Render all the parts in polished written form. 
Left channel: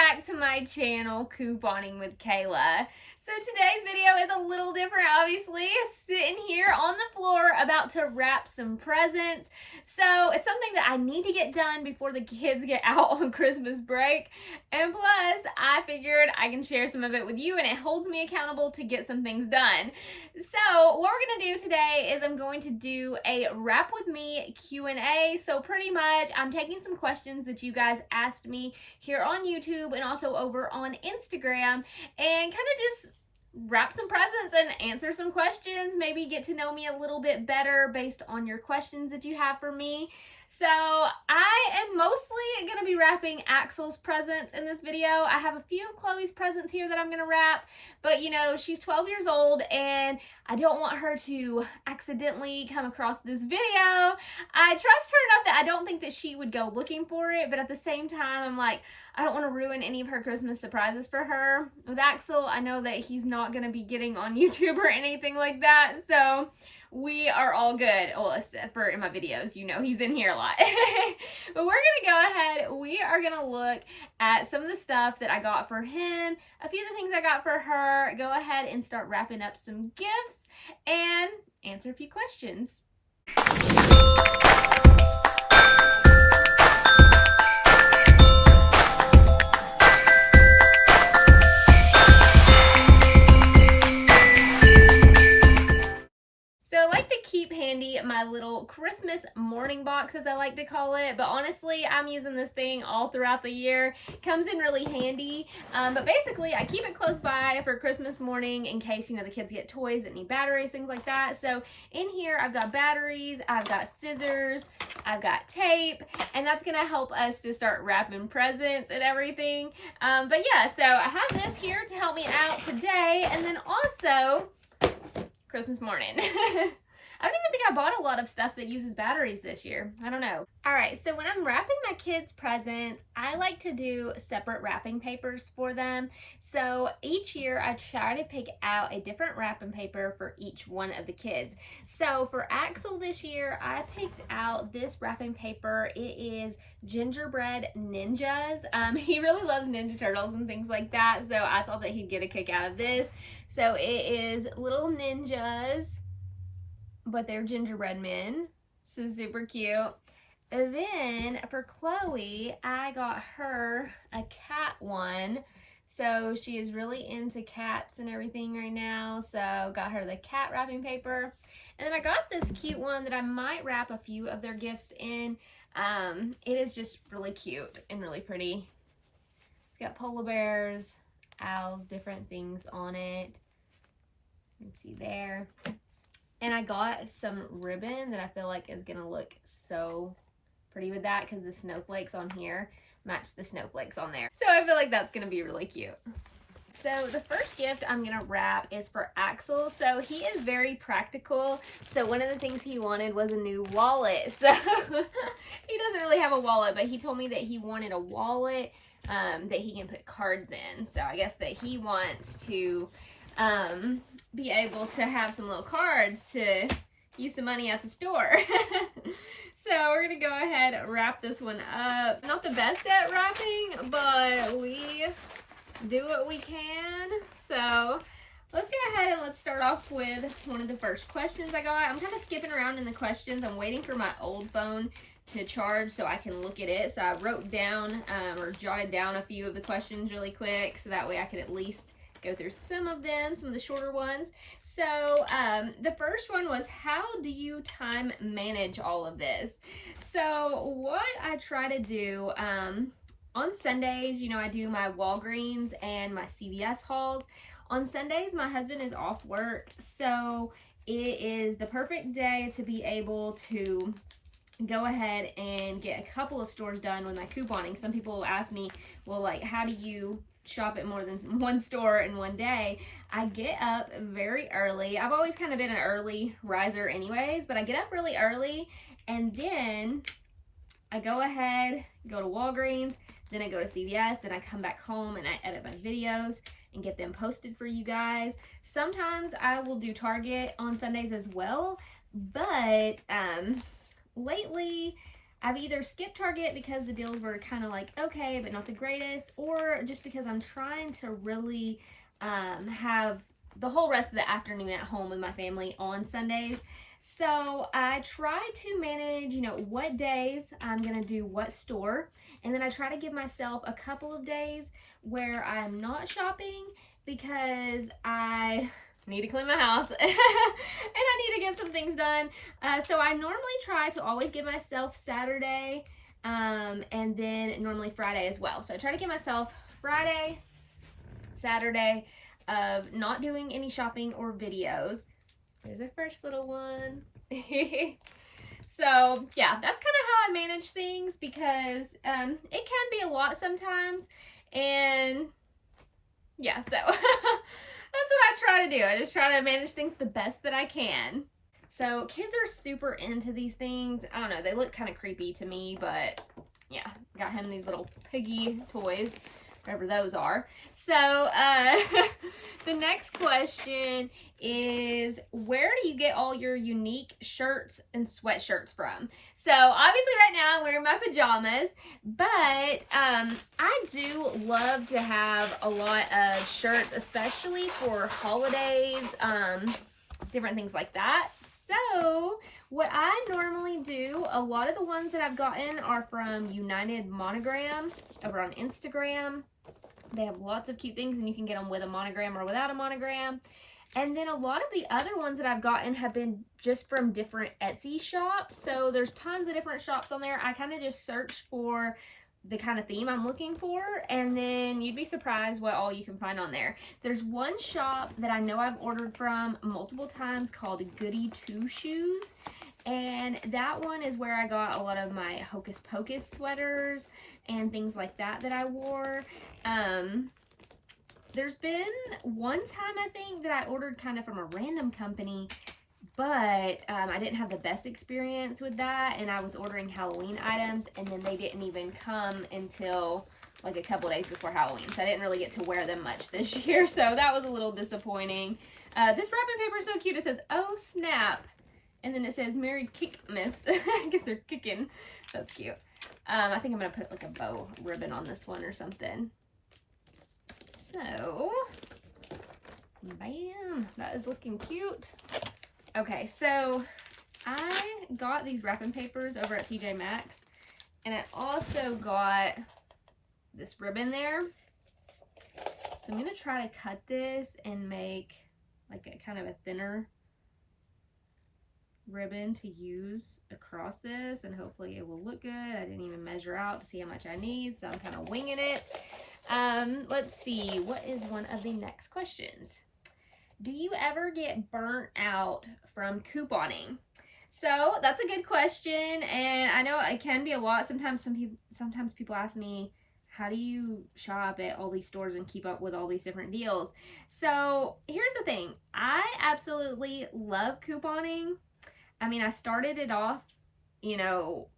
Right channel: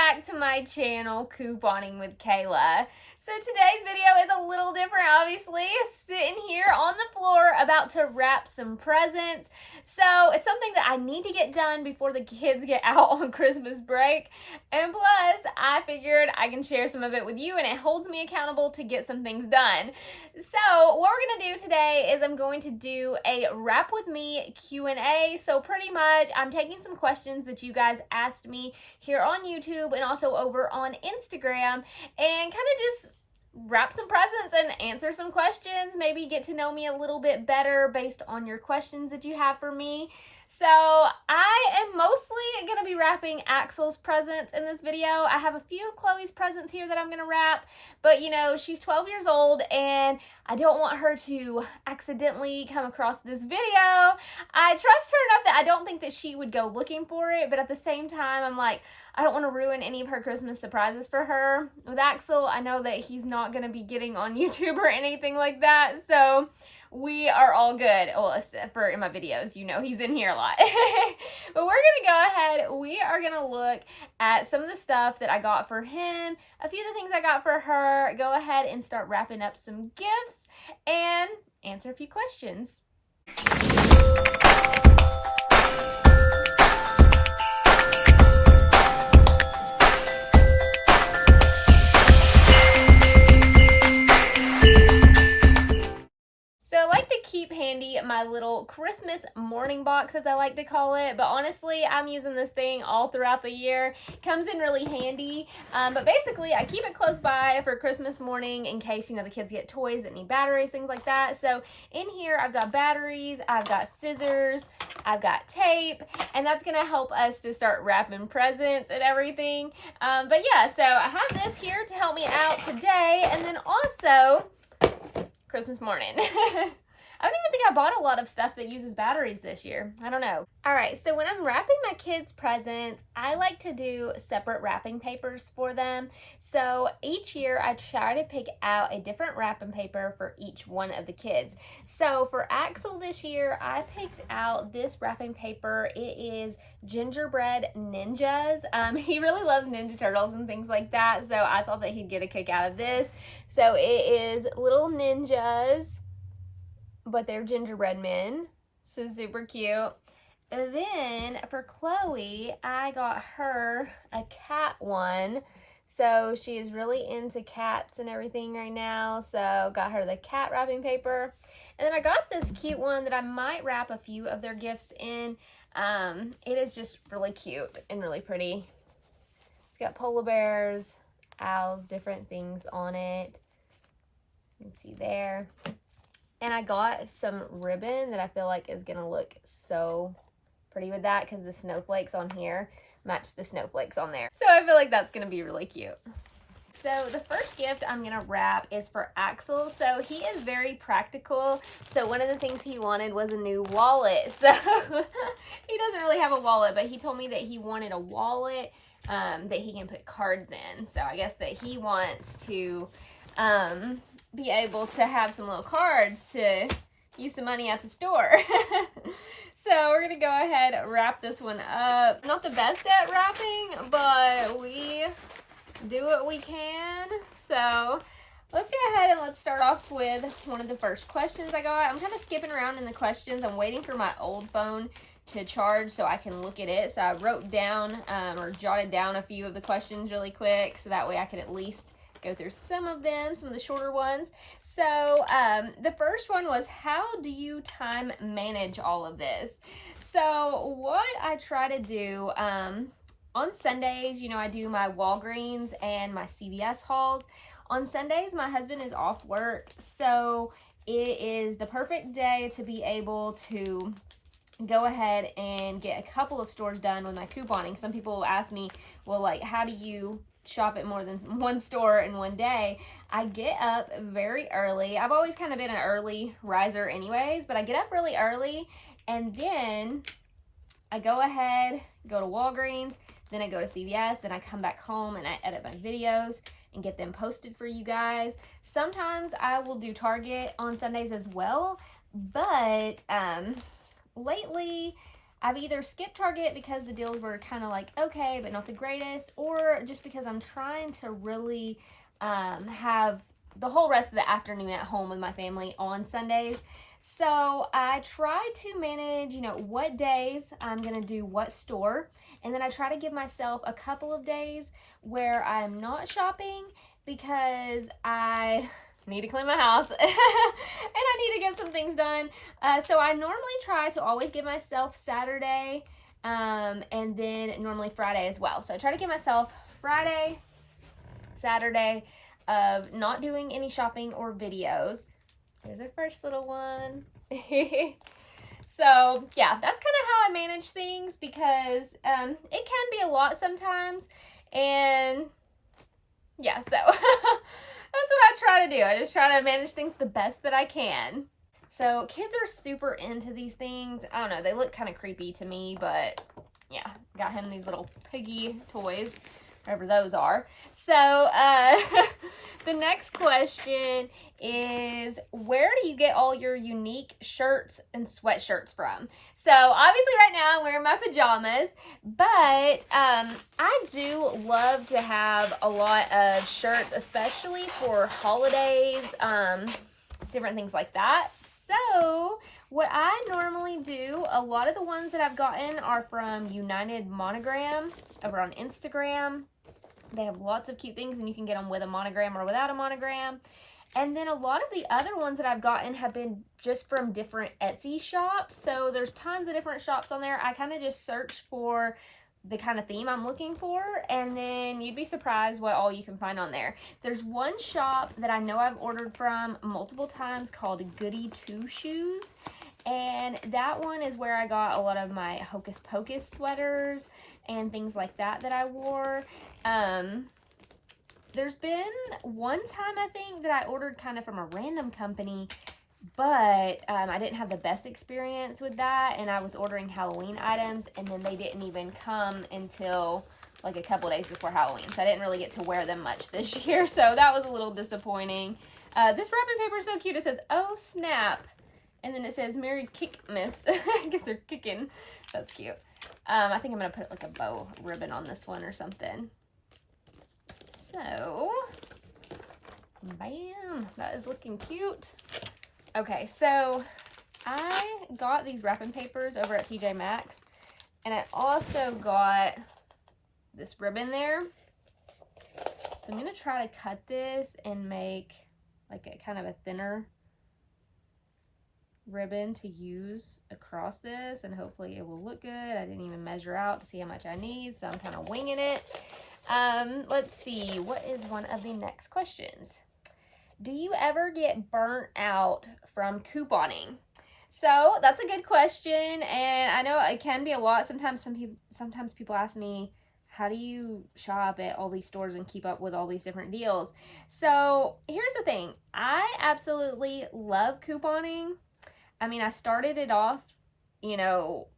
back to my channel, Couponing with Kayla. So today's video is a little different, obviously. Sitting here on the floor about to wrap some presents. So it's something that I need to get done before the kids get out on Christmas break. And plus, I figured I can share some of it with you and it holds me accountable to get some things done. So what we're going to do today is I'm going to do a Wrap With Me Q&A. So pretty much I'm taking some questions that you guys asked me here on YouTube and also over on Instagram and kind of just wrap some presents and answer some questions, maybe get to know me a little bit better based on your questions that you have for me. So I am mostly going to be wrapping Axel's presents in this video. I have a few of Chloe's presents here that I'm going to wrap, but you know, she's 12 years old and I don't want her to accidentally come across this video. I trust her enough that I don't think that she would go looking for it, but at the same time, I'm like, I don't want to ruin any of her Christmas surprises for her. With Axel, I know that he's not going to be getting on YouTube or anything like that, so we are all good. Well, except for in my videos, you know, he's in here a lot. But we're going to go ahead. We are going to look at some of the stuff that I got for him, a few of the things I got for her, go ahead and start wrapping up some gifts, and answer a few questions. So I like to keep handy my little Christmas morning box, as I like to call it, but honestly, I'm using this thing all throughout the year. It comes in really handy, but basically, I keep it close by for Christmas morning in case, you know, the kids get toys that need batteries, things like that. So in here, I've got batteries, I've got scissors, I've got tape, and that's going to help us to start wrapping presents and everything. But yeah, so I have this here to help me out today, and then also Christmas morning. I don't even think I bought a lot of stuff that uses batteries this year. I don't know. All right, so when I'm wrapping my kids' presents, I like to do separate wrapping papers for them. So each year I try to pick out a different wrapping paper for each one of the kids. So for Axel this year, I picked out this wrapping paper. It is Gingerbread Ninjas. He really loves Ninja Turtles and things like that, so I thought that he'd get a kick out of this. So it is little ninjas, but they're gingerbread men. So super cute. And then for Chloe, I got her a cat one. So she is really into cats and everything right now. So got her the cat wrapping paper. And then I got this cute one that I might wrap a few of their gifts in. It is just really cute and really pretty. It's got polar bears, owls, different things on it. You can see there. And I got some ribbon that I feel like is gonna look so pretty with that because the snowflakes on here match the snowflakes on there. So I feel like that's gonna be really cute. So the first gift I'm gonna wrap is for Axel. So he is very practical. So one of the things he wanted was a new wallet. So he doesn't really have a wallet, but he told me that he wanted a wallet that he can put cards in. So I guess that he wants to be able to have some little cards to use some money at the store. So we're gonna go ahead and wrap this one up. Not the best at wrapping, but we do what we can. So let's go ahead and let's start off with one of the first questions I got. I'm kind of skipping around in the questions. I'm waiting for my old phone to charge so I can look at it. So I wrote down or jotted down a few of the questions really quick so that way I could at least go through some of them, some of the shorter ones. So the first one was, how do you time manage all of this? So what I try to do on Sundays, you know, I do my Walgreens and my CVS hauls. On Sundays, my husband is off work, so it is the perfect day to be able to go ahead and get a couple of stores done with my couponing. Some people will ask me, well, like, how do you shop at more than one store in one day? I get up very early. I've always kind of been an early riser anyways, but I get up really early and then I go ahead, go to Walgreens, then I go to CVS, then I come back home and I edit my videos and get them posted for you guys. Sometimes I will do Target on Sundays as well, but lately I've either skipped Target because the deals were kind of like okay, but not the greatest, or just because I'm trying to really have the whole rest of the afternoon at home with my family on Sundays. So I try to manage, you know, what days I'm going to do what store. And then I try to give myself a couple of days where I'm not shopping because I need to clean my house and I need to get some things done. So I normally try to always give myself Saturday and then normally Friday as well. So I try to give myself Friday, Saturday of not doing any shopping or videos. There's our first little one. So yeah, that's kind of how I manage things because it can be a lot sometimes. And yeah, so that's what I try to do. I just try to manage things the best that I can. So kids are super into these things. I don't know, they look kind of creepy to me, but yeah, got him these little piggy toys, whatever those are. So the next question is, where do you get all your unique shirts and sweatshirts from? So obviously right now I'm wearing my pajamas, but I do love to have a lot of shirts, especially for holidays, different things like that. So what I normally do, a lot of the ones that I've gotten are from United Monogram over on Instagram. They have lots of cute things, and you can get them with a monogram or without a monogram. And then a lot of the other ones that I've gotten have been just from different Etsy shops. So there's tons of different shops on there. I kind of just search for the kind of theme I'm looking for, and then you'd be surprised what all you can find on there. There's one shop that I know I've ordered from multiple times called Goody Two Shoes. And that one is where I got a lot of my Hocus Pocus sweaters and things like that that I wore. There's been one time I think that I ordered kind of from a random company, but I didn't have the best experience with that, and I was ordering Halloween items, and then they didn't even come until like a couple days before Halloween, so I didn't really get to wear them much this year, so that was a little disappointing. This wrapping paper is so cute. It says, "Oh snap," and then it says, "Merry Kickmas." I guess they're kicking. That's cute. I think I'm going to put like a bow ribbon on this one or something. So, bam, that is looking cute. Okay, so I got these wrapping papers over at TJ Maxx, and I also got this ribbon there. So I'm going to try to cut this and make like a kind of a thinner ribbon to use across this, and hopefully it will look good. I didn't even measure out to see how much I need, so I'm kind of winging it. Let's see, what is one of the next questions? Do you ever get burnt out from couponing? So that's a good question, and I know it can be a lot. Sometimes people ask me, how do you shop at all these stores and keep up with all these different deals? So here's the thing, I absolutely love couponing. I mean, I started it off, you know,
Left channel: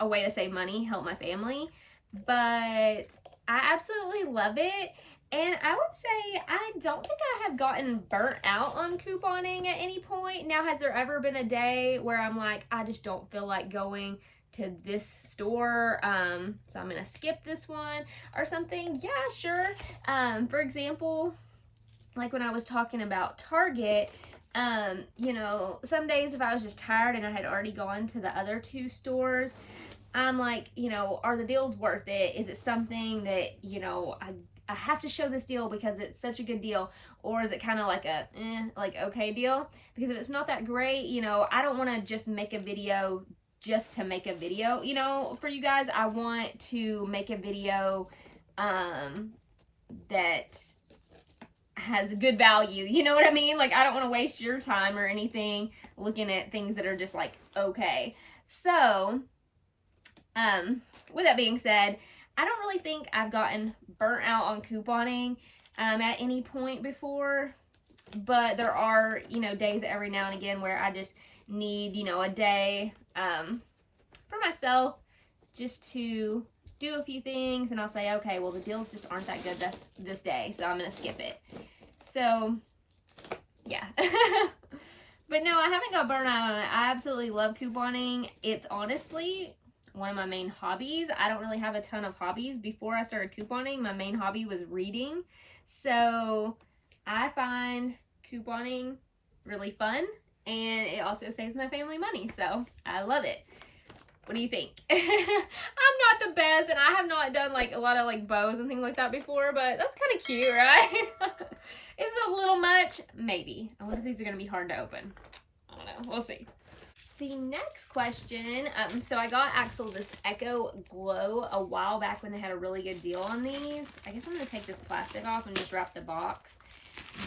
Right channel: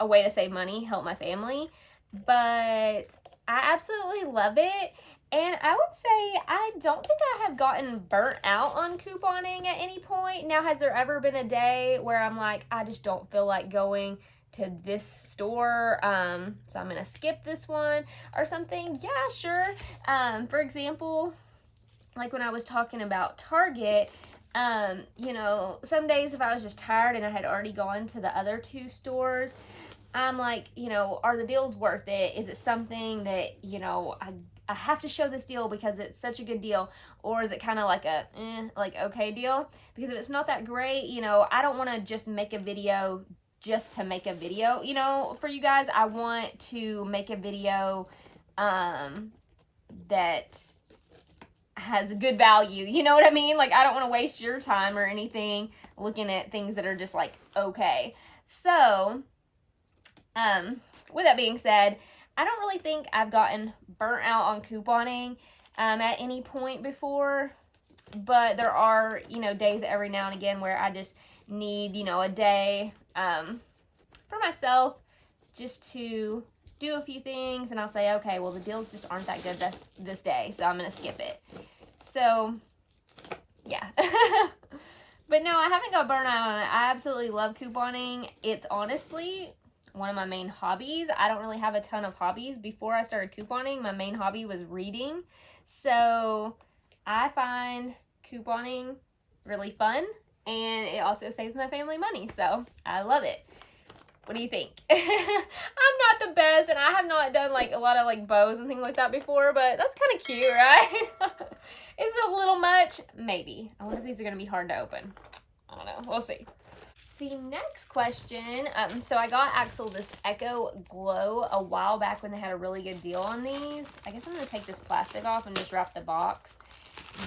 a way to save money, help my family, but I absolutely love it. And I would say I don't think I have gotten burnt out on couponing at any point. Now, has there ever been a day where I'm like, I just don't feel like going to this store, so I'm going to skip this one or something? Yeah, sure. For example, like when I was talking about Target, you know, some days if I was just tired and I had already gone to the other two stores, I'm like, you know, are the deals worth it? Is it something that, you know, I have to show this deal because it's such a good deal? Or is it kind of like a, like, okay deal? Because if it's not that great, you know, I don't want to just make a video just to make a video, you know, for you guys. I want to make a video, that has a good value, you know what I mean? Like, I don't want to waste your time or anything looking at things that are just like, okay. So, with that being said, I don't really think I've gotten burnt out on couponing at any point before, but there are, you know, days every now and again where I just need, you know, a day for myself just to do a few things, and I'll say, okay, well, the deals just aren't that good this day, so I'm going to skip it. So, yeah. But no, I haven't got burnt out on it. I absolutely love couponing. It's honestly one of my main hobbies. I don't really have a ton of hobbies. Before I started couponing, my main hobby was reading. So I find couponing really fun, and it also saves my family money. So I love it. What do you think? I'm not the best, and I have not done like a lot of like bows and things like that before, but that's kind of cute, right? Is it a little much? Maybe. I wonder if these are going to be hard to open. I don't know. We'll see. The next question, so I got Axel this Echo Glow a while back when they had a really good deal on these. I guess I'm going to take this plastic off and just wrap the box.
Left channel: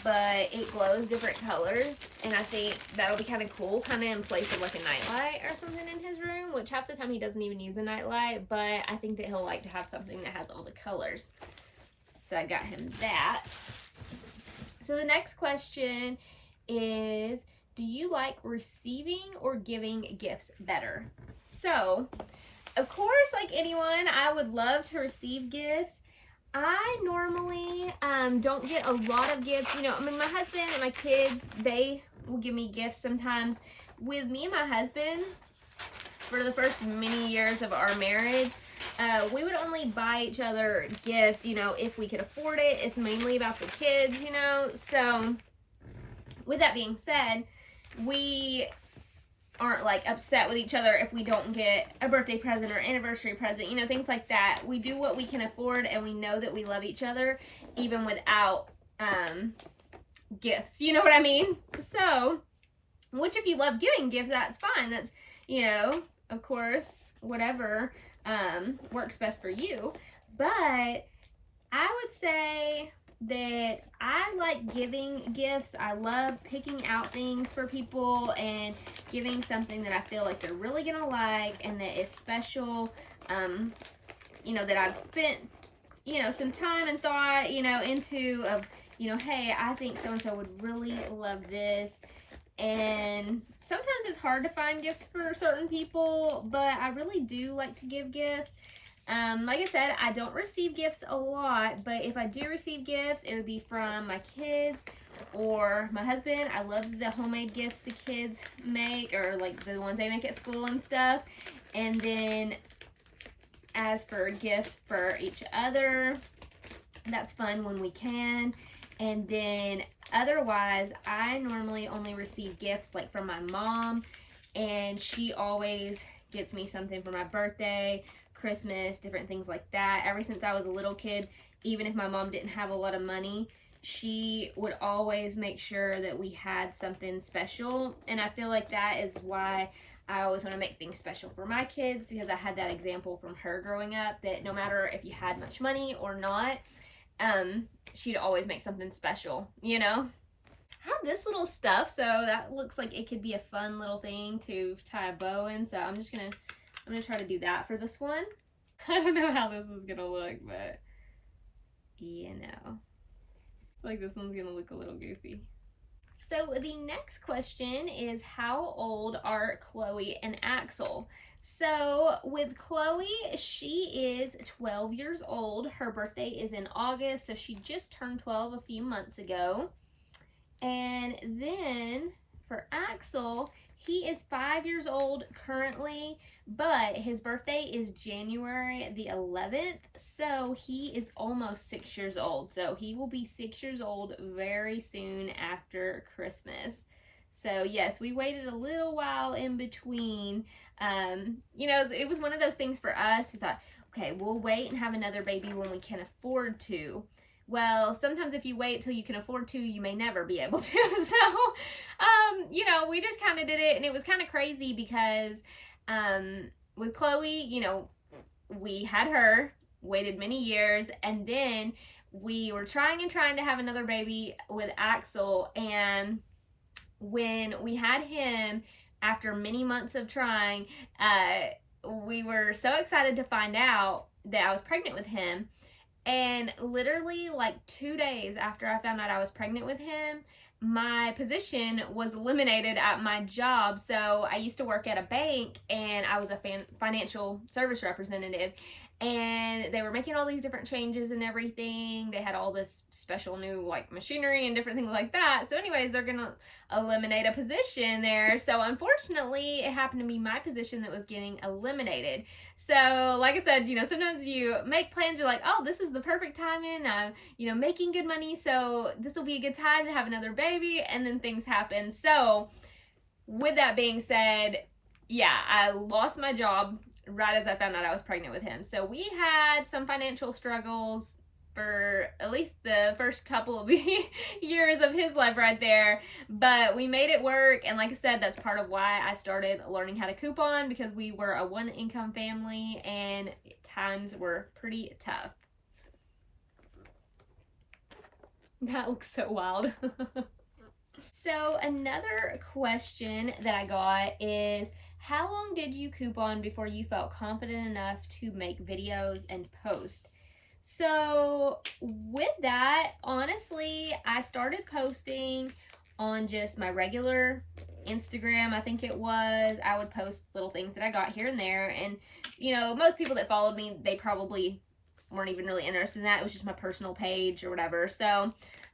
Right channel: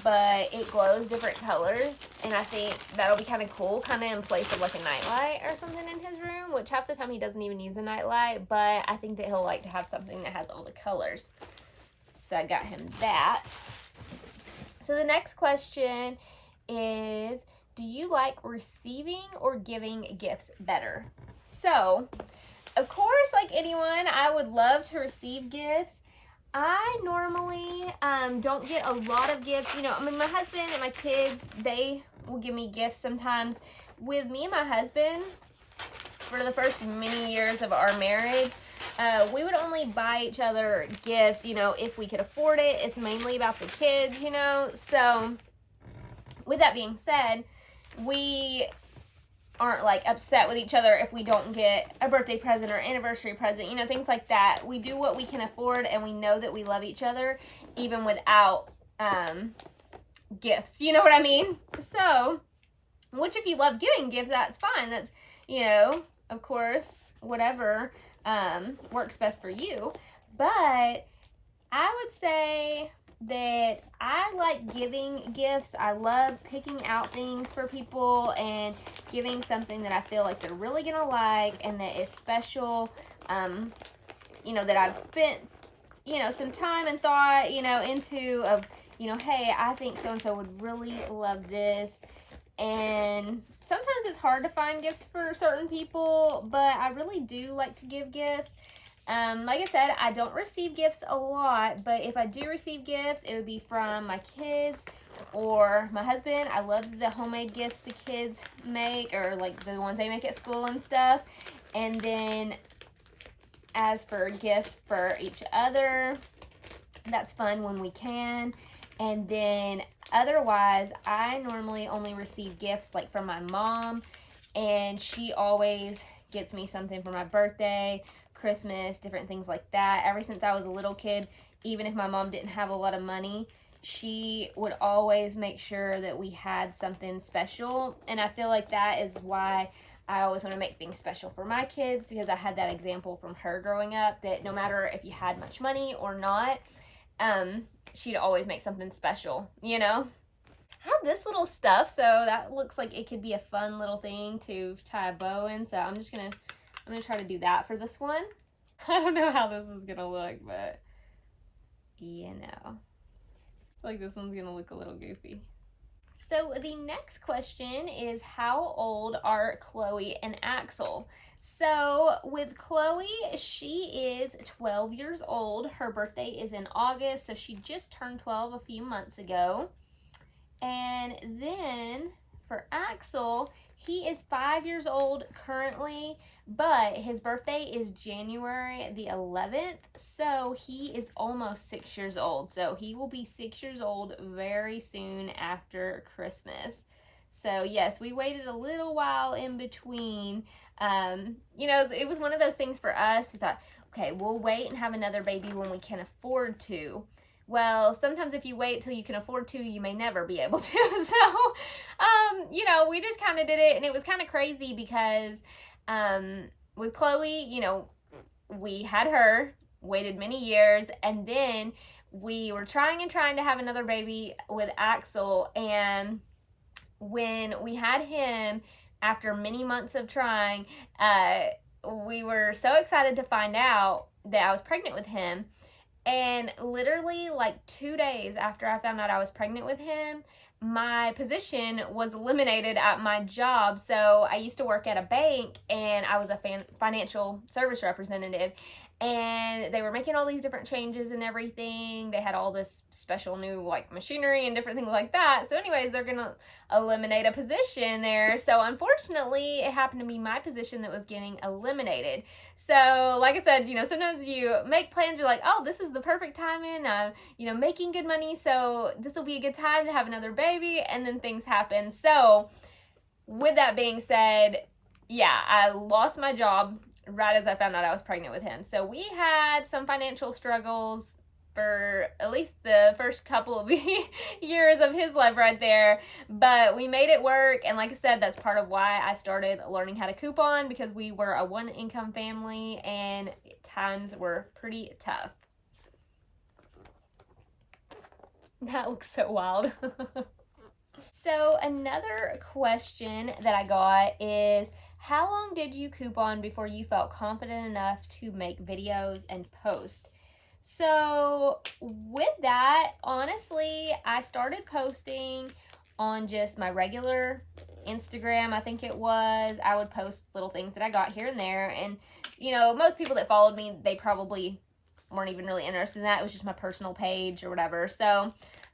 But it glows different colors, and I think that'll be kind of cool, kind of in place of like a nightlight or something in his room, which half the time he doesn't even use a nightlight, but I think that he'll like to have something that has all the colors. So I got him that. So the next question is, do you like receiving or giving gifts better? So, of course, like anyone, I would love to receive gifts. I normally don't get a lot of gifts. You know, I mean, my husband and my kids, they will give me gifts sometimes. With me and my husband, for the first many years of our marriage, we would only buy each other gifts, you know, if we could afford it. It's mainly about the kids, you know. So, with that being said, we aren't like upset with each other if we don't get a birthday present or anniversary present, you know, things like that. We do what we can afford, and we know that we love each other even without gifts, you know what I mean? So, which if you love giving gifts, that's fine. That's, you know, of course, whatever works best for you. But I would say that I like giving gifts. I love picking out things for people and giving something that I feel like they're really gonna like and that is special, you know, that I've spent, you know, some time and thought, you know, into of, you know, hey, I think so-and-so would really love this. And sometimes it's hard to find gifts for certain people, but I really do like to give gifts. Like I said, I don't receive gifts a lot, but if I do receive gifts, it would be from my kids or my husband. I love the homemade gifts the kids make, or like the ones they make at school and stuff. And then as for gifts for each other, that's fun when we can. And then otherwise, I normally only receive gifts like from my mom, and she always gets me something for my birthday, Christmas, different things like that. Ever since I was a little kid, even if my mom didn't have a lot of money, she would always make sure that we had something special. And I feel like that is why I always want to make things special for my kids, because I had that example from her growing up that no matter if you had much money or not, she'd always make something special, you know? I have this little stuff, so that looks like it could be a fun little thing to tie a bow in. So I'm gonna try to do that for this one. I don't know how this is gonna look, but you know, I feel like this one's gonna look a little goofy. So the next question is, how old are Chloe and Axel? So with Chloe, she is 12 years old. Her birthday is in August, so she just turned 12 a few months ago. And then for Axel, he is 5 years old currently, but his birthday is January the 11th, so he is almost 6 years old. So he will be 6 years old very soon after Christmas. So yes, we waited a little while in between. You know, it was one of those things for us. We thought, okay, we'll wait and have another baby when we can afford to. Well, sometimes if you wait till you can afford to, you may never be able to. So, you know, we just kind of did it, and it was kind of crazy because with Chloe, you know, we had her, waited many years, and then we were trying to have another baby with Axel, and when we had him, after many months of trying, we were so excited to find out that I was pregnant with him. And literally like 2 days after I found out I was pregnant with him, my position was eliminated at my job. So I used to work at a bank, and I was a financial service representative. and they were making all these different changes and everything. They had all this special new like machinery and different things like that. So anyways, they're gonna eliminate a position there. So unfortunately, it happened to be my position that was getting eliminated. So like I said, you know, sometimes you make plans, you're like, oh, this is the perfect timing, you know, making good money, so this will be a good time to have another baby, and then things happen. So with that being said, yeah, I lost my job right as I found out I was pregnant with him. So we had some financial struggles for at least the first couple of years of his life right there, but we made it work. And like I said, that's part of why I started learning how to coupon, because we were a one income family and times were pretty tough. That looks so wild. So another question that I got is, how long did you coupon before you felt confident enough to make videos and post? So with that, honestly, I started posting on just my regular Instagram, I think it was. I would post little things that I got here and there. And, you know, most people that followed me, they probably weren't even really interested in that. It was just my personal page or whatever. So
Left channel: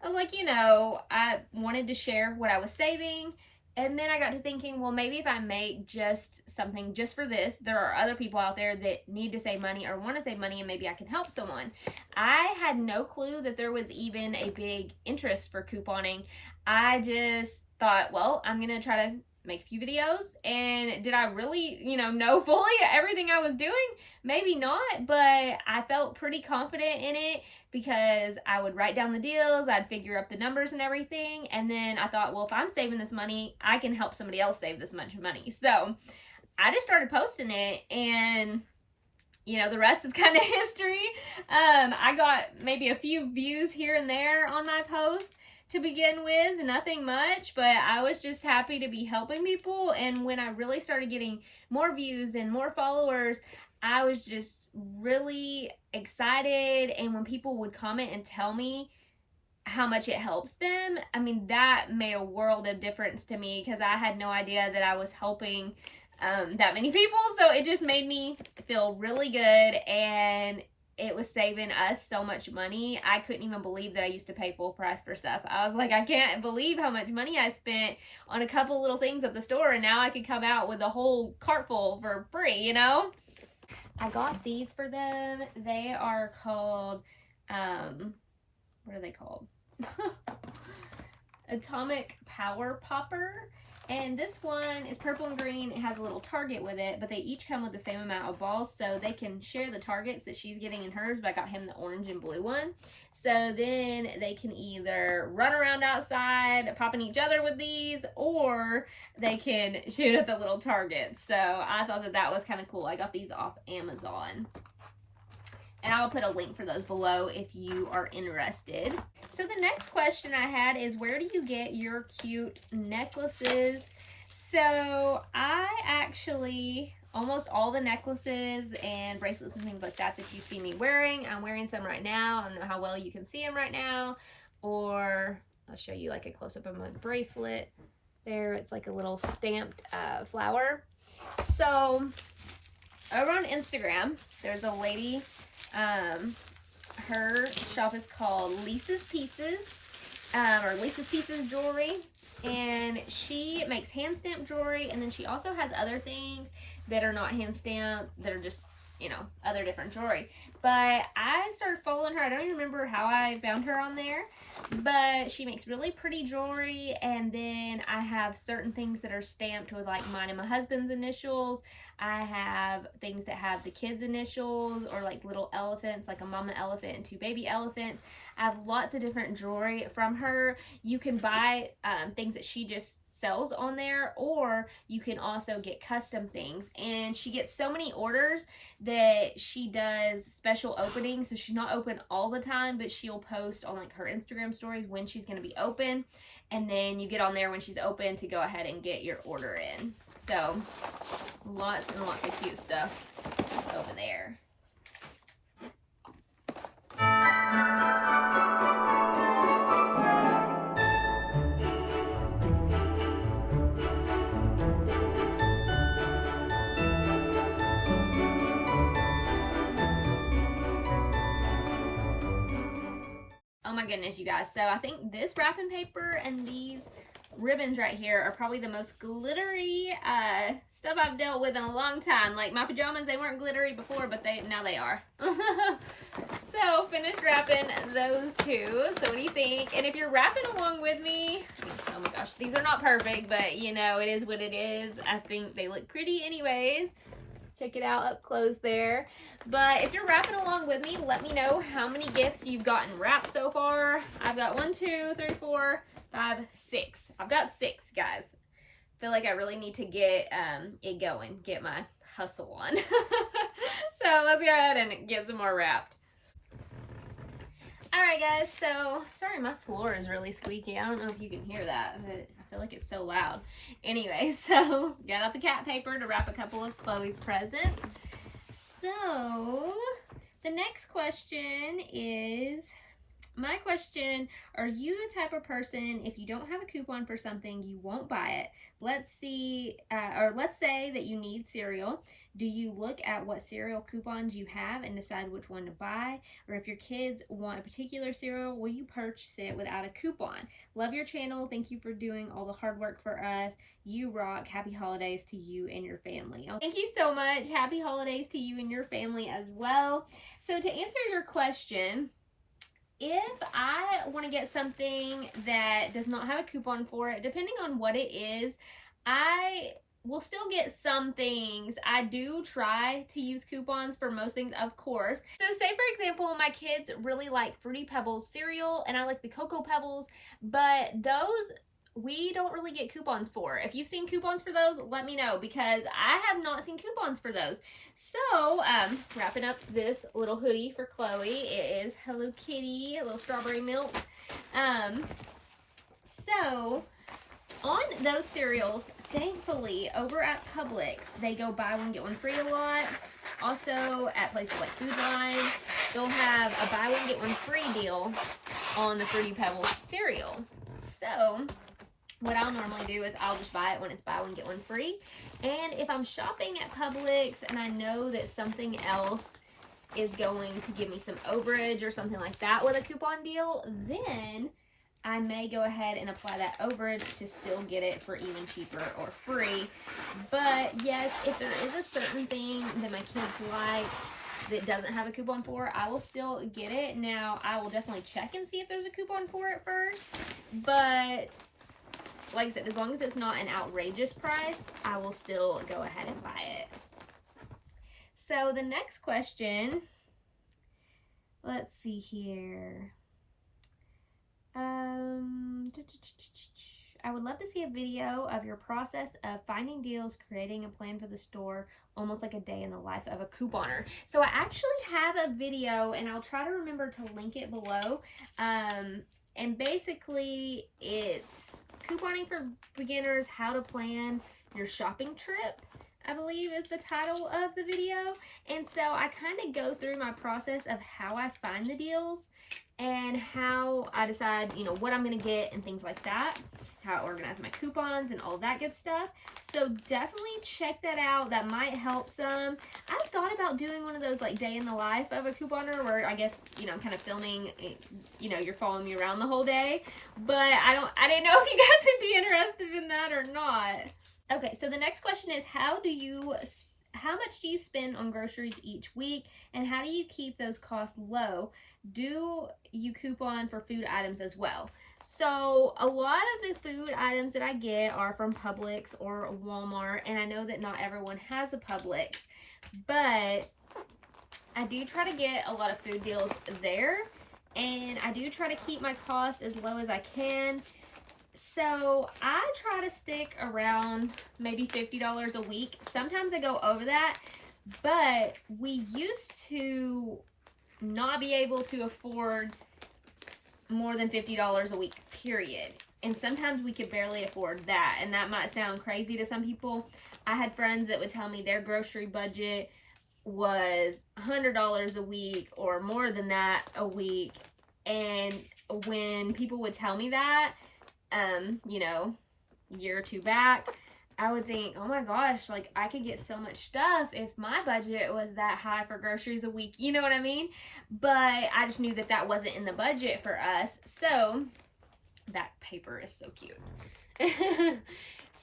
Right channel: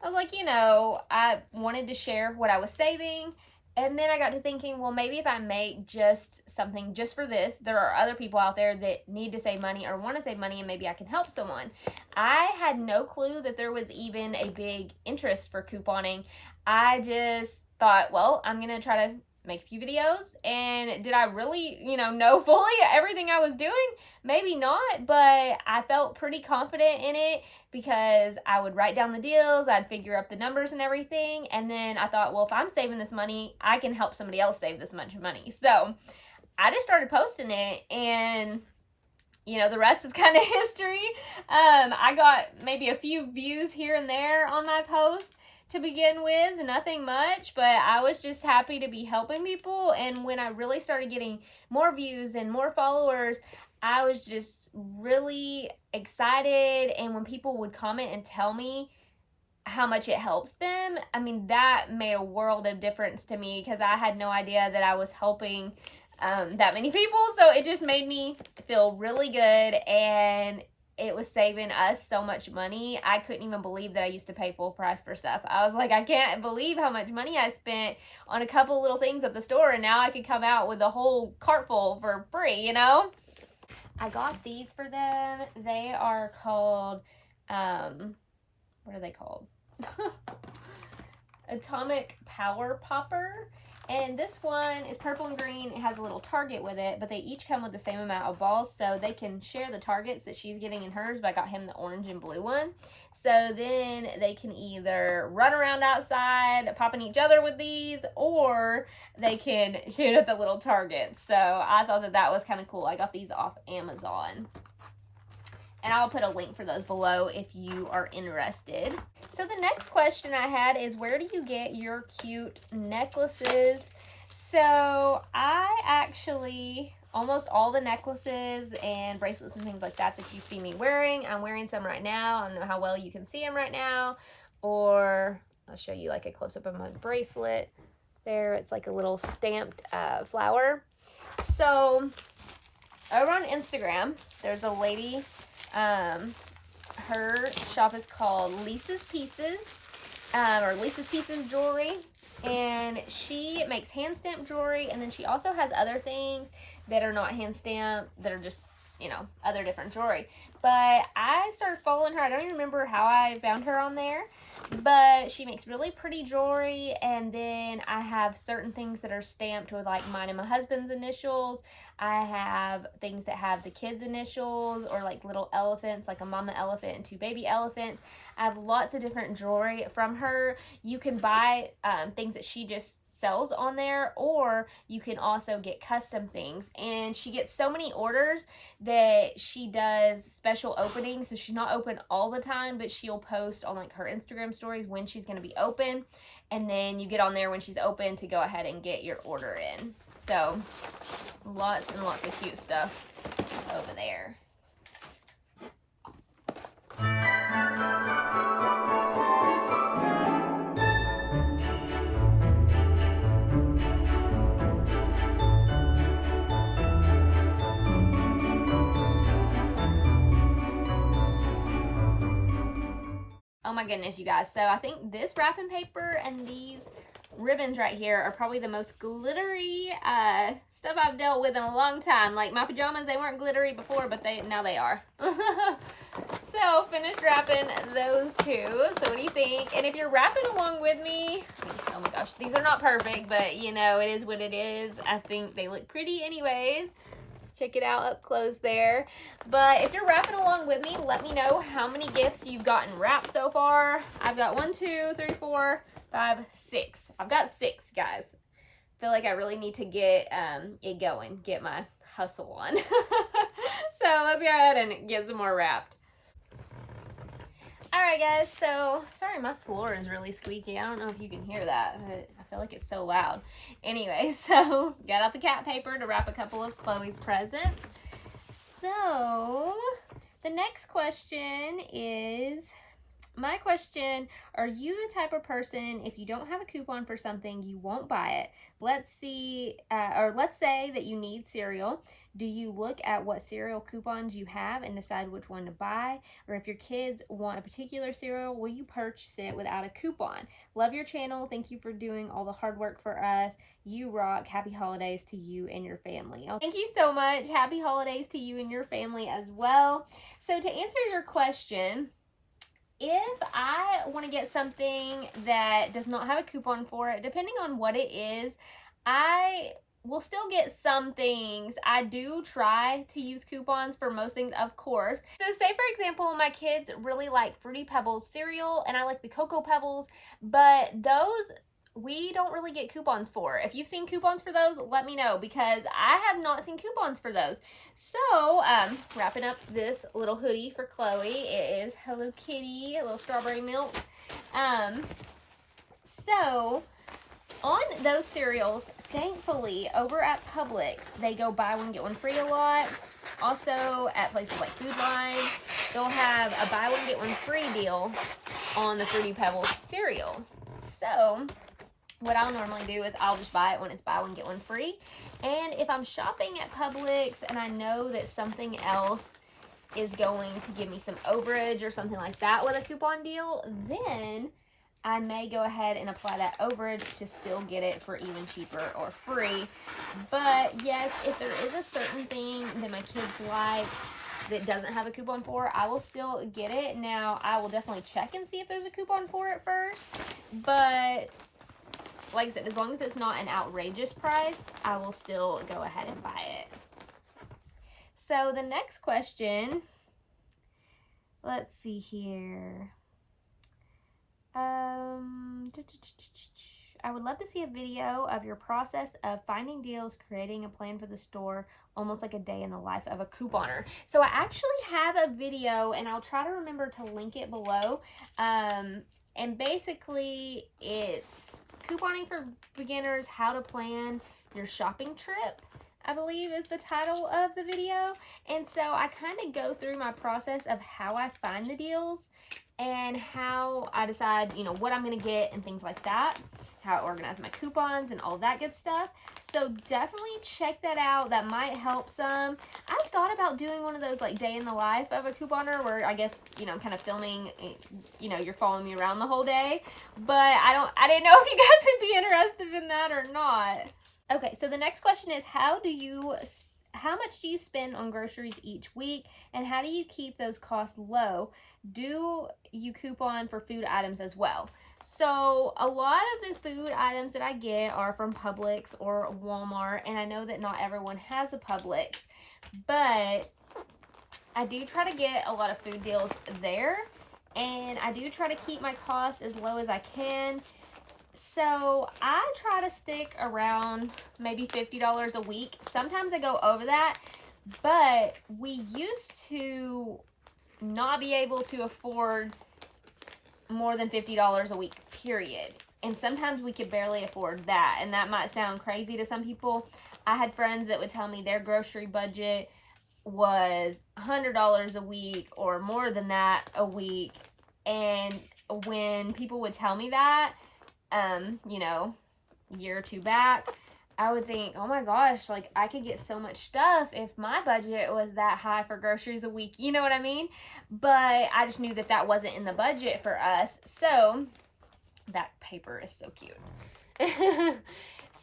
I was like, you know, I wanted to share what I was saving. And then I got to thinking, well, maybe if I make just something just for this, there are other people out there that need to save money or want to save money, and maybe I can help someone. I had no clue that there was even a big interest for couponing. I just thought, well, I'm going to try to make a few videos. And did I really, you know fully everything I was doing? Maybe not, but I felt pretty confident in it because I would write down the deals, I'd figure up the numbers and everything, and then I thought, well, if I'm saving this money, I can help somebody else save this much money. So I just started posting it, and you know, the rest is kind of history. I got maybe a few views here and there on my post to begin with, nothing much, but I was just happy to be helping people. And when I really started getting more views and more followers, I was just really excited. And when people would comment and tell me how much it helps them, I mean, that made a world of difference to me, because I had no idea that I was helping that many people. So it just made me feel really good, and it was saving us so much money. I couldn't even believe that I used to pay full price for stuff. I was like, I can't believe how much money I spent on a couple little things at the store, and now I could come out with a whole cart full for free, you know? I got these for them. They are called, what are they called? Atomic Power Popper. And this one is purple and green. It has a little target with it, but they each come with the same amount of balls, so they can share the targets that she's getting in hers, but I got him the orange and blue one. So then they can either run around outside popping each other with these, or they can shoot at the little targets. So I thought that that was kind of cool. I got these off Amazon. And I'll put a link for those below if you are interested. So the next question I had is, where do you get your cute necklaces? So I actually, almost all the necklaces and bracelets and things like that that you see me wearing, I'm wearing some right now. I don't know how well you can see them right now. Or I'll show you like a close-up of my bracelet. There, it's like a little stamped flower. So over on Instagram, there's a lady. Her shop is called Lisa's Pieces, or Lisa's Pieces Jewelry, and she makes hand stamped jewelry, and then she also has other things that are not hand stamped, that are just, you know, other different jewelry. But I started following her. I don't even remember how I found her on there, but she makes really pretty jewelry. And then I have certain things that are stamped with like mine and my husband's initials. I have things that have the kids' initials, or like little elephants, like a mama elephant and two baby elephants. I have lots of different jewelry from her. You can buy things that she just sells on there, or you can also get custom things. And she gets so many orders that she does special openings. So she's not open all the time, but she'll post on like her Instagram stories when she's going to be open. And then you get on there when she's open to go ahead and get your order in. So lots and lots of cute stuff over there. Oh my goodness, you guys. So I think this wrapping paper and these ribbons right here are probably the most glittery stuff I've dealt with in a long time. Like my pajamas, they weren't glittery before, but now they are. So finished wrapping those two. So what do you think? And if you're wrapping along with me, oh my gosh, these are not perfect, but you know, it is what it is. I think they look pretty anyways. Let's check it out up close there. But if you're wrapping along with me, let me know how many gifts you've gotten wrapped so far. I've got 1, 2, 3, 4, 5, 6. I've got 6, guys. I feel like I really need to get it going, get my hustle on. So let's go ahead and get some more wrapped. Alright guys, so sorry my floor is really squeaky. I don't know if you can hear that, but I feel like it's so loud. Anyway, so got out the cat paper to wrap a couple of Chloe's presents. So the next question is, my question, are you the type of person, if you don't have a coupon for something, you won't buy it? Let's say that you need cereal. Do you look at what cereal coupons you have and decide which one to buy? Or if your kids want a particular cereal, will you purchase it without a coupon? Love your channel. Thank you for doing all the hard work for us. You rock. Happy holidays to you and your family. Thank you so much. Happy holidays to you and your family as well. So to answer your question, if I want to get something that does not have a coupon for it, depending on what it is, I will still get some things. I do try to use coupons for most things, of course. So say for example, my kids really like Fruity Pebbles cereal and I like the Cocoa Pebbles, but those we don't really get coupons for. If you've seen coupons for those, let me know, because I have not seen coupons for those. So, wrapping up this little hoodie for Chloe. It is Hello Kitty, a little strawberry milk. So, on those cereals, thankfully, over at Publix, they go buy one, get one free a lot. Also, at places like Food Line, they'll have a buy one, get one free deal on the Fruity Pebbles cereal. So, what I'll normally do is I'll just buy it when it's buy one, get one free. And if I'm shopping at Publix and I know that something else is going to give me some overage or something like that with a coupon deal, then I may go ahead and apply that overage to still get it for even cheaper or free. But yes, if there is a certain thing that my kids like that doesn't have a coupon for, I will still get it. Now, I will definitely check and see if there's a coupon for it first. But like I said, as long as it's not an outrageous price, I will still go ahead and buy it. So the next question, let's see here. I would love to see a video of your process of finding deals, creating a plan for the store, almost like a day in the life of a couponer. So I actually have a video, and I'll try to remember to link it below. And basically, it's couponing for beginners, how to plan your shopping trip, I believe is the title of the video. And so I kind of go through my process of how I find the deals and how I decide, you know, what I'm going to get and things like that, how I organize my coupons and all that good stuff. So definitely check that out. That might help some. I've thought about doing one of those like day in the life of a couponer where I guess, you know, I'm kind of filming, you know, you're following me around the whole day, but I didn't know if you guys would be interested in that or not. Okay, so the next question is, how much do you spend on groceries each week, and how do you keep those costs low? Do you coupon for food items as well? So a lot of the food items that I get are from Publix or Walmart, and I know that not everyone has a Publix, but I do try to get a lot of food deals there, and I do try to keep my costs as low as I can. So I try to stick around maybe $50 a week. Sometimes I go over that, but we used to not be able to afford more than $50 a week, period. And sometimes we could barely afford that, and that might sound crazy to some people. I had friends that would tell me their grocery budget was $100 a week or more than that a week, and when people would tell me that, you know, a year or two back, I would think, oh my gosh, like I could get so much stuff if my budget was that high for groceries a week, you know what I mean? but I just knew that that wasn't in the budget for us. So that paper is so cute.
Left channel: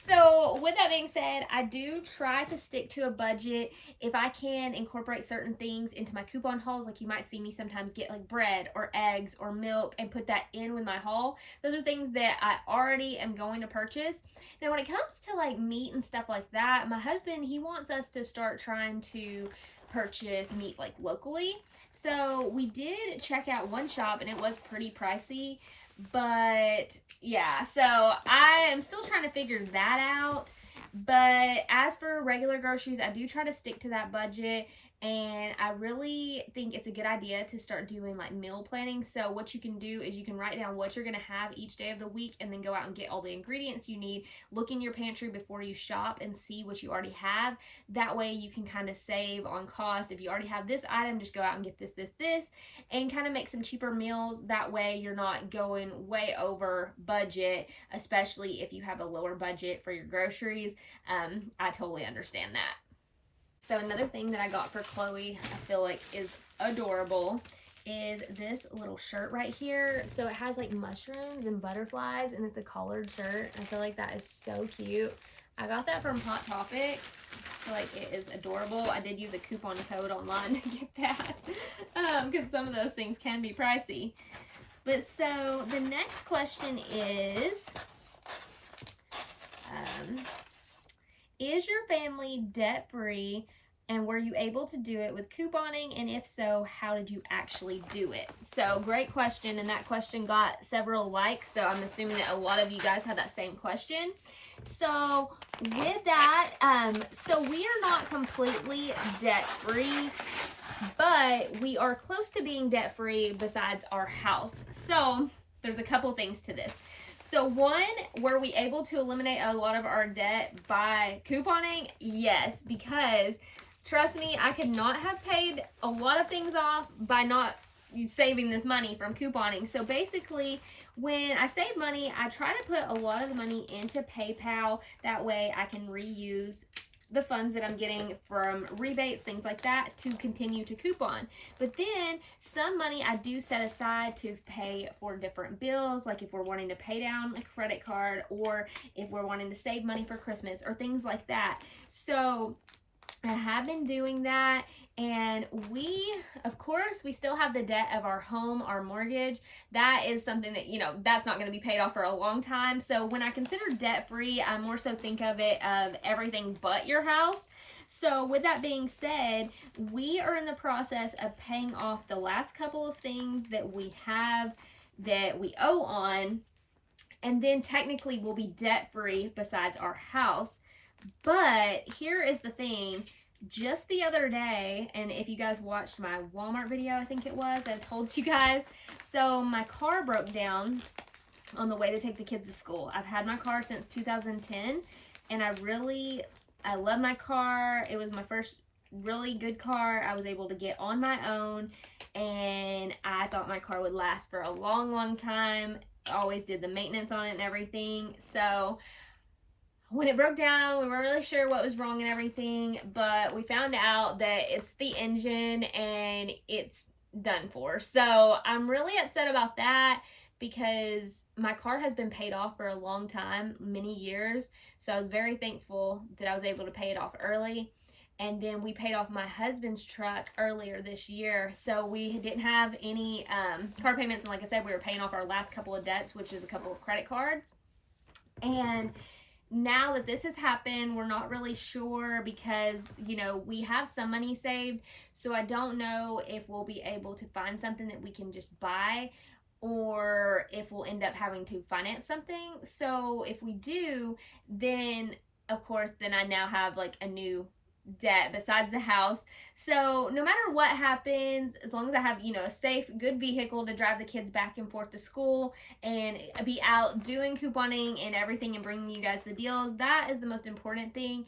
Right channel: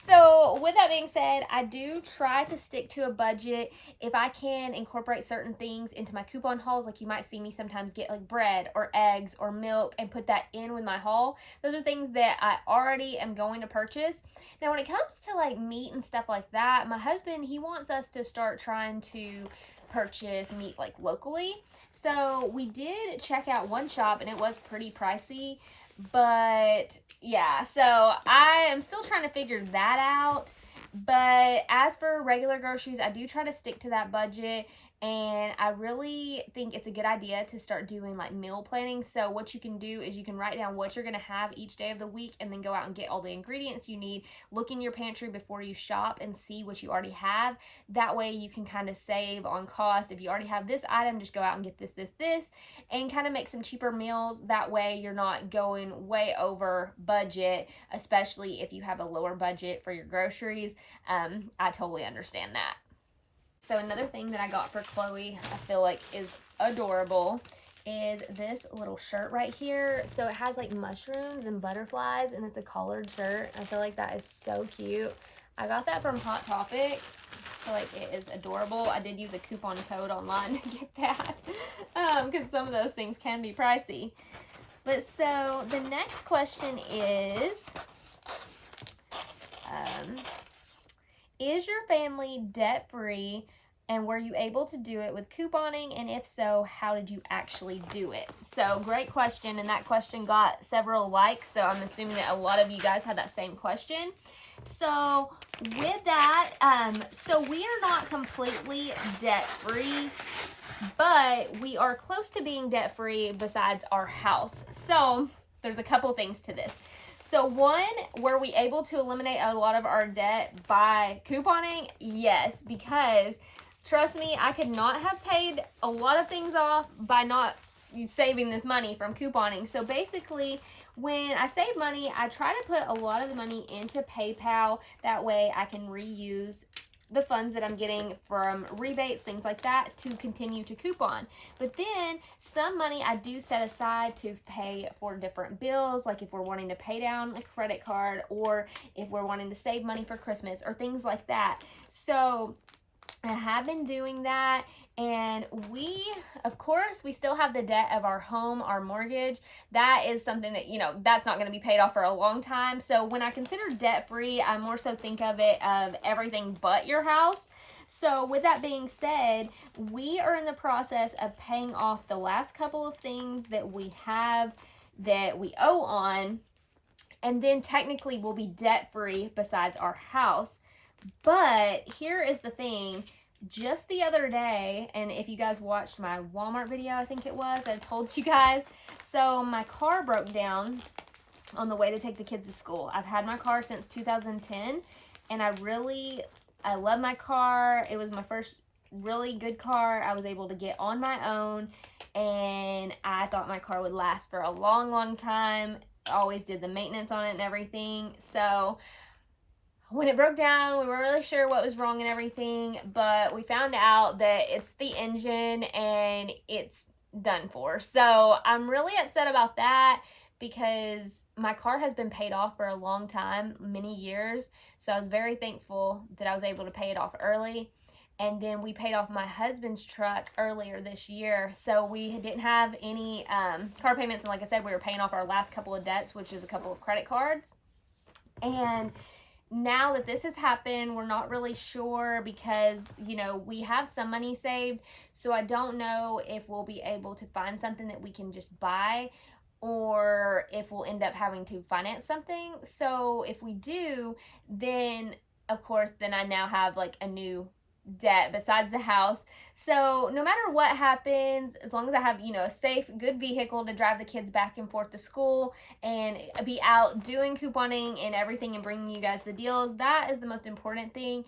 So with that being said, I do try to stick to a budget. If I can incorporate certain things into my coupon hauls, like you might see me sometimes get like bread or eggs or milk and put that in with my haul. Those are things that I already am going to purchase. Now when it comes to like meat and stuff like that, my husband, he wants us to start trying to purchase meat like locally. So we did check out one shop and it was pretty pricey, but yeah, so I am still trying to figure that out. But as for regular groceries, I do try to stick to that budget, and I really think it's a good idea to start doing like meal planning. So what you can do is you can write down what you're going to have each day of the week and then go out and get all the ingredients you need. Look in your pantry before you shop and see what you already have. That way you can kind of save on cost. If you already have this item, just go out and get this, and kind of make some cheaper meals. That way you're not going way over budget, especially if you have a lower budget for your groceries. I totally understand that. So another thing that I got for Chloe, I feel like is adorable, is this little shirt right here. So it has like mushrooms and butterflies, and it's a collared shirt. I feel like that is so cute. I got that from Hot Topic. I feel like it is adorable. I did use a coupon code online to get that because some of those things can be pricey. But so the next question is your family debt-free, and were you able to do it with couponing? And if so, how did you actually do it? So great question, and that question got several likes, so I'm assuming that a lot of you guys had that same question. So with that, so we are not completely debt-free, but we are close to being debt-free besides our house. So there's a couple things to this. So one, were we able to eliminate a lot of our debt by couponing? Yes, because trust me, I could not have paid a lot of things off by not saving this money from couponing. So basically, when I save money, I try to put a lot of the money into PayPal. That way I can reuse the funds that I'm getting from rebates, things like that, to continue to coupon. But then some money I do set aside to pay for different bills, like if we're wanting to pay down a credit card, or if we're wanting to save money for Christmas or things like that. So I have been doing that, and we, of course, we still have the debt of our home, our mortgage. That is something that, that's not going to be paid off for a long time. So when I consider debt-free, I more so think of it of everything but your house. So with that being said, we are in the process of paying off the last couple of things that we have that we owe on, and then technically we'll be debt-free besides our house. But here is the thing. Just the other day, and if you guys watched my Walmart video, I think it was, I told you guys, so my car broke down on the way to take the kids to school. I've had my car since 2010, and I love my car. It was my first really good car I was able to get on my own, and I thought my car would last for a long, long time. I always did the maintenance on it and everything. So when it broke down, we weren't really sure what was wrong and everything, but we found out that it's the engine and it's done for. So I'm really upset about that because my car has been paid off for a long time, many years. So I was very thankful that I was able to pay it off early. And then we paid off my husband's truck earlier this year. So we didn't have any car payments. And like I said, we were paying off our last couple of debts, which is a couple of credit cards. And now that this has happened, we're not really sure because, we have some money saved. So I don't know if we'll be able to find something that we can just buy, or if we'll end up having to finance something. So if we do, then of course, then I now have like a new debt besides the house. So no matter what happens, as long as I have, a safe, good vehicle to drive the kids back and forth to school and be out doing couponing and everything and bringing you guys the deals, that is the most important thing.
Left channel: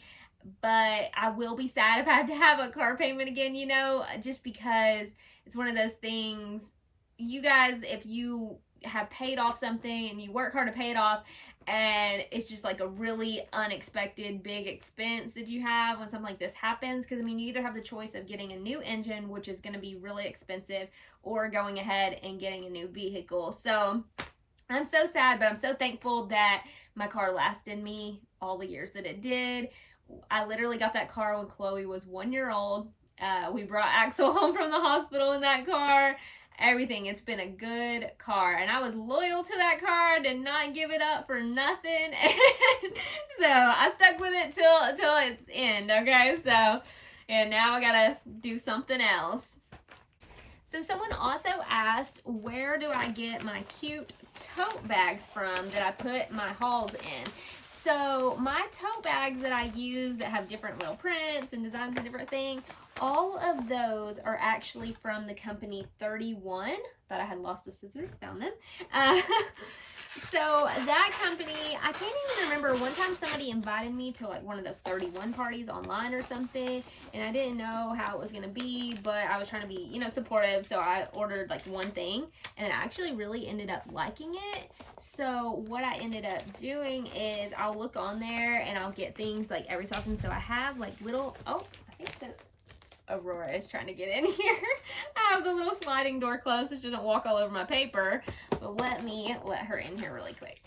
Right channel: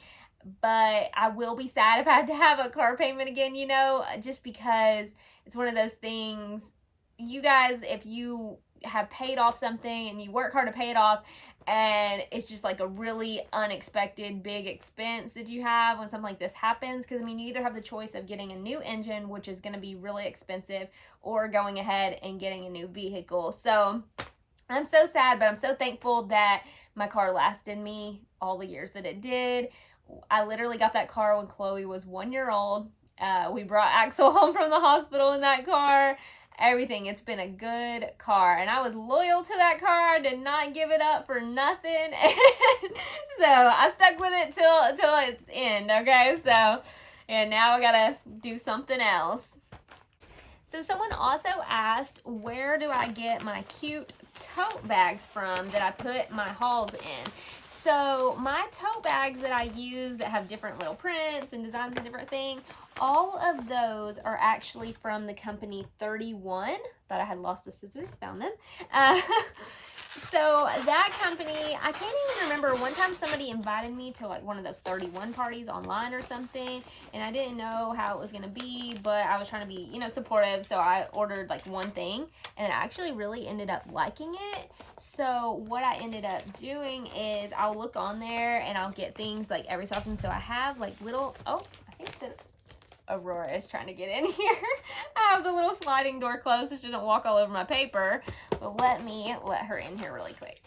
But I will be sad if I have to have a car payment again, just because it's one of those things. You guys, if you have paid off something and you work hard to pay it off, and it's just like a really unexpected big expense that you have when something like this happens. Because I mean, you either have the choice of getting a new engine, which is going to be really expensive, or going ahead and getting a new vehicle. So I'm so sad, but I'm so thankful that my car lasted me all the years that it did. I literally got that car when Chloe was 1 year old. We brought Axel home from the hospital in that car. Everything. It's been a good car, and I was loyal to that car. Did not give it up for nothing. So I stuck with it till its end. Okay, so and now I gotta do something else. So someone also asked, where do I get my cute tote bags from that I put my hauls in? So my tote bags that I use that have different little prints and designs and different things, all of those are actually from the company 31. Thought I had lost the scissors, found them. So that company, I can't even remember, one time somebody invited me to like one of those 31 parties online or something, and I didn't know how it was going to be, but I was trying to be, you know, supportive, so I ordered like one thing, and I actually really ended up liking it. So what I ended up doing is I'll look on there and I'll get things like every so often. So I have like little, oh, I think that Aurora is trying to get in here. I have the little sliding door closed so she doesn't walk all over my paper. But let me let her in here really quick.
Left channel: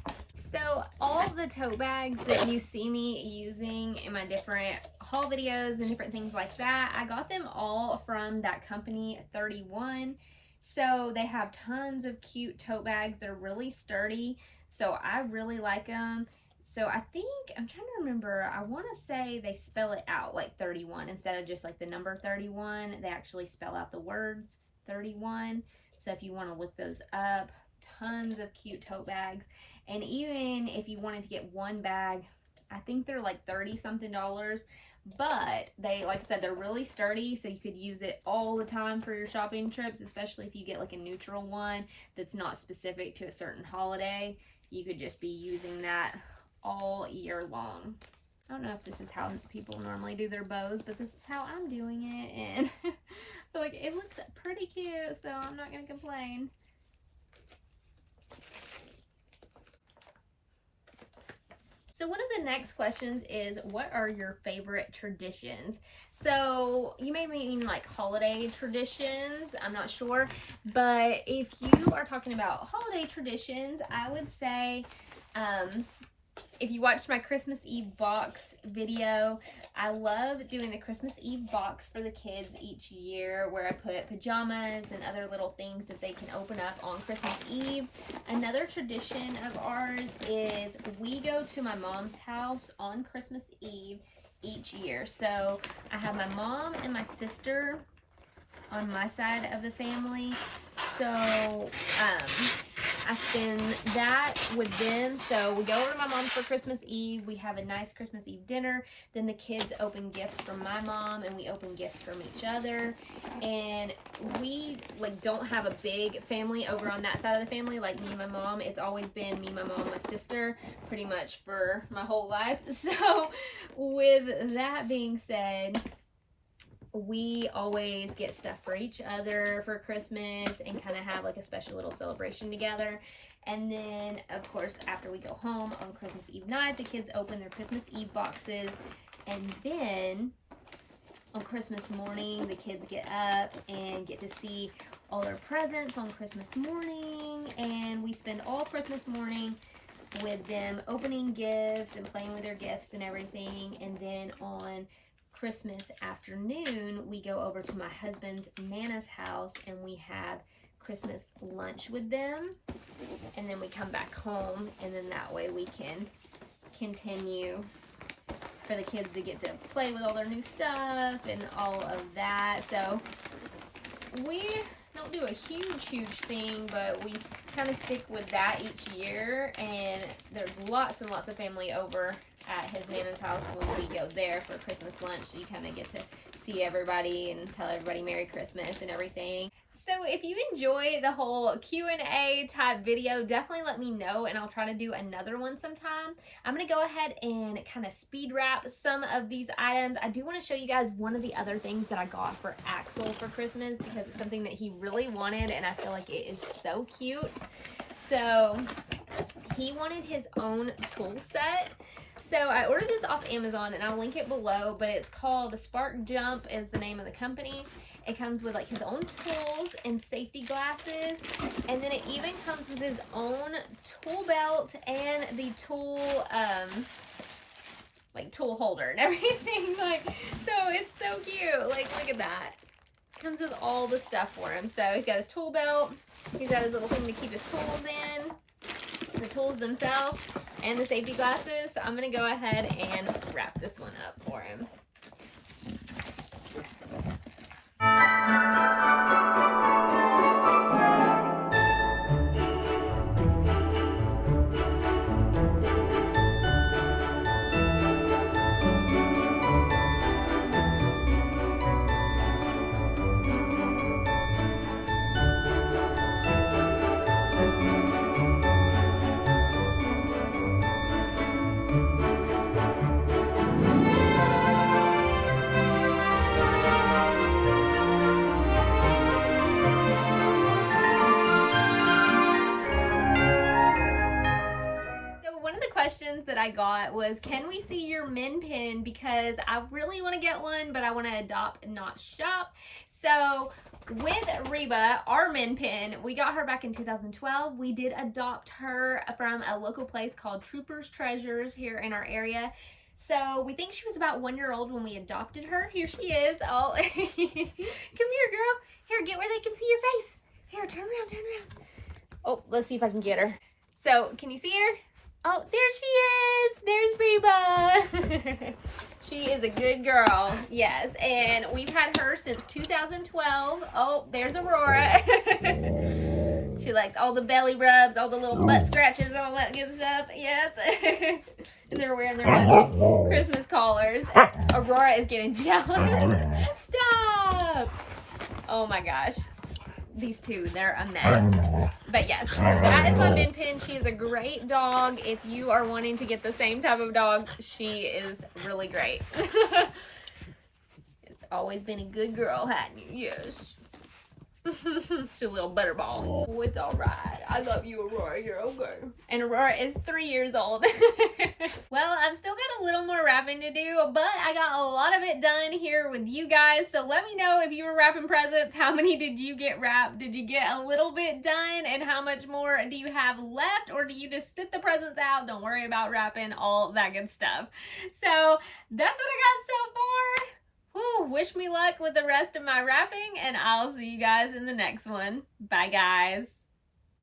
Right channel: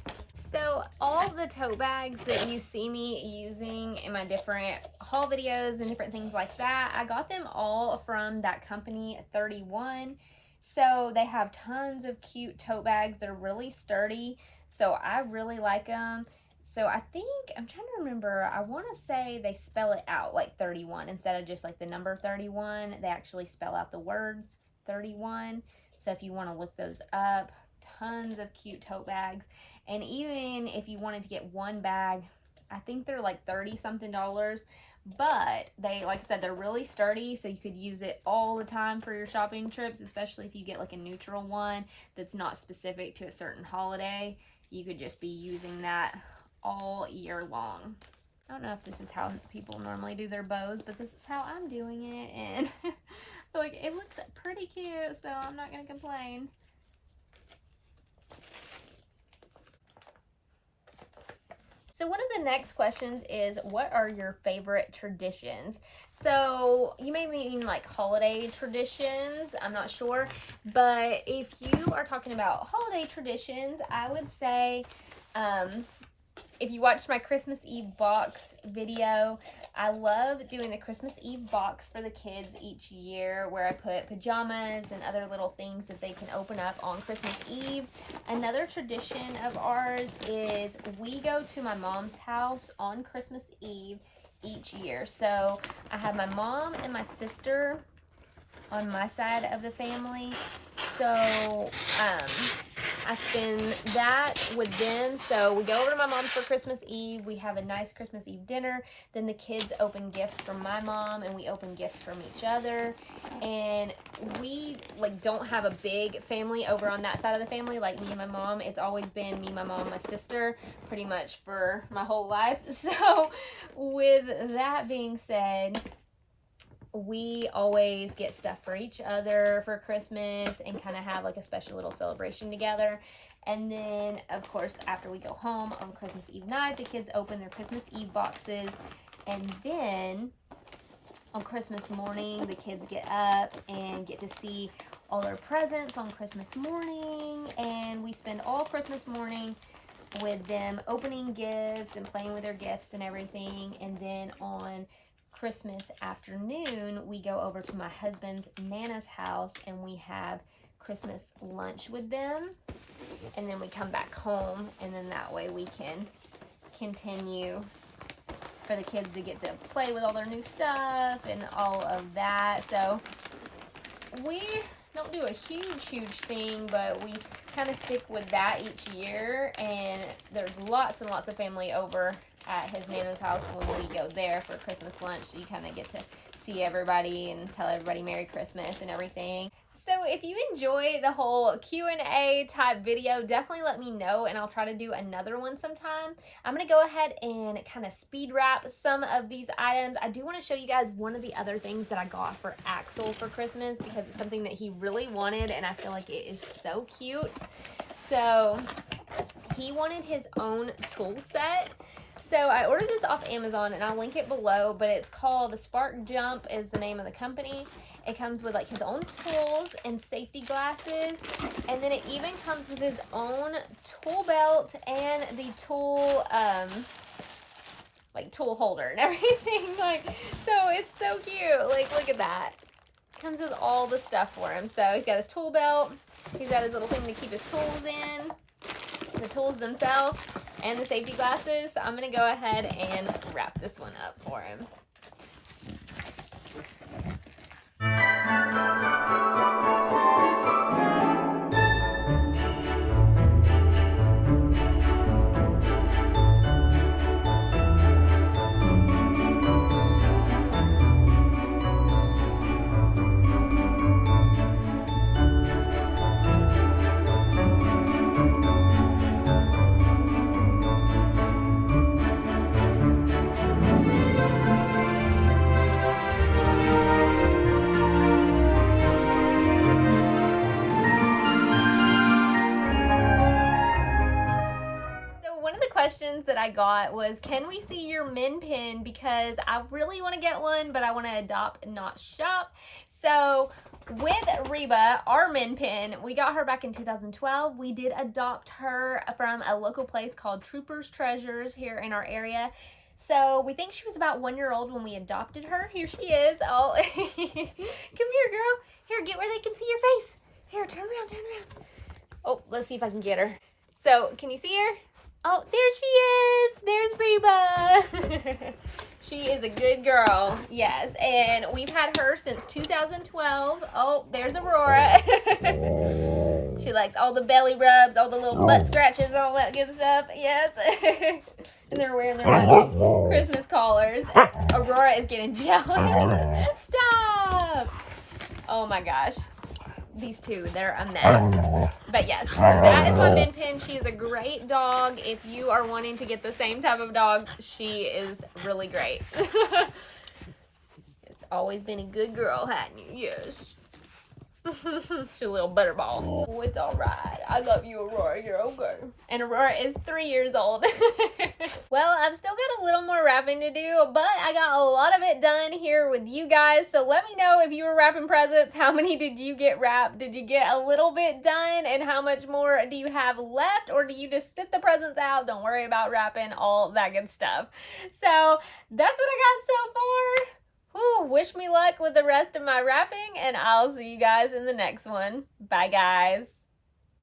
So all the tote bags that you see me using in my different haul videos and different things like that, I got them all from that company 31. So they have tons of cute tote bags that are really sturdy. So I really like them. So I think, I'm trying to remember, I want to say they spell it out like 31 instead of just like the number 31. They actually spell out the words 31. So if you want to look those up, tons of cute tote bags. And even if you wanted to get one bag, I think they're like $30 something. But they, like I said, they're really sturdy, so you could use it all the time for your shopping trips, especially if you get like a neutral one that's not specific to a certain holiday. You could just be using that all year long. I don't know if this is how people normally do their bows, but this is how I'm doing it, and I feel like it looks pretty cute, so I'm not going to complain. So one of the next questions is, what are your favorite traditions? So you may mean like holiday traditions, I'm not sure, but if you are talking about holiday traditions, I would say, if you watched my Christmas Eve box video, I love doing the Christmas Eve box for the kids each year, where I put pajamas and other little things that they can open up on Christmas Eve. Another tradition of ours is we go to my mom's house on Christmas Eve each year. So I have my mom and my sister on my side of the family. So I spend that with them. So we go over to my mom's for Christmas Eve. We have a nice Christmas Eve dinner. Then the kids open gifts from my mom, and we open gifts from each other. And we like don't have a big family over on that side of the family, like me and my mom. It's always been me, my mom, and my sister pretty much for my whole life. So with that being said, we always get stuff for each other for Christmas and kind of have like a special little celebration together. And then, of course, after we go home on Christmas Eve night, the kids open their Christmas Eve boxes. And then on Christmas morning, the kids get up and get to see all their presents on Christmas morning. And we spend all Christmas morning with them opening gifts and playing with their gifts and everything. And then on Christmas afternoon, we go over to my husband's Nana's house and we have Christmas lunch with them, and then we come back home, and then that way we can continue for the kids to get to play with all their new stuff and all of that. So we don't do a huge thing, but we kind of stick with that each year, and there's lots and lots of family over at his Nana's house when we go there for Christmas lunch, so you kind of get to see everybody and tell everybody Merry Christmas and everything. So if you enjoy the whole Q&A type video, definitely let me know, and I'll try to do another one sometime. I'm going to go ahead and kind of speed wrap some of these items. I do want to show you guys one of the other things that I got for Axel for Christmas, because it's something that he really wanted, and I feel like it is so cute. So he wanted his own tool set. So I ordered this off Amazon, and I'll link it below, but it's called Spark Jump is the name of the company. It comes with like his own tools and safety glasses, and then it even comes with his own tool belt and the tool like tool holder and everything. Like, so it's so cute. Like, look at that. Comes with all the stuff for him. So he's got his tool belt, he's got his little thing to keep his tools in, the tools themselves, and the safety glasses. So I'm gonna go ahead and wrap this one up for him. Questions that I got was, can we see your min pin, because I really want to get one, but I want to adopt, not shop. So with Reba, our min pin, we got her back in 2012. We did adopt her from a local place called Troopers Treasures here in our area. So we think she was about 1 year old when we adopted her. Here she is. Oh, come here, girl. Here, get where they can see your face. Here, turn around, turn around. Oh, let's see if I can get her. So, can you see her? Oh, there she is. There's Reba. She is a good girl. Yes, and we've had her since 2012. Oh, there's Aurora. She likes all the belly rubs, all the little butt scratches, all that good stuff. Yes. And they're wearing their Christmas collars. Aurora is getting jealous. Stop. Oh my gosh. These two, they're a mess. But yes, that is my min pin. She is a great dog. If you are wanting to get the same type of dog, she is really great. It's always been a good girl, hadn't you? Yes. She's a little butterball. Oh, it's all right. I love you, Aurora. You're okay. And Aurora is 3 years old. Well, I've still got a little more wrapping to do, but I got a lot of it done here with you guys. So let me know if you were wrapping presents. How many did you get wrapped? Did you get a little bit done? And how much more do you have left? Or do you just sit the presents out? Don't worry about wrapping, all that good stuff. So that's what I got so far. Whew, wish me luck with the rest of my wrapping, and I'll see you guys in the next one. Bye, guys.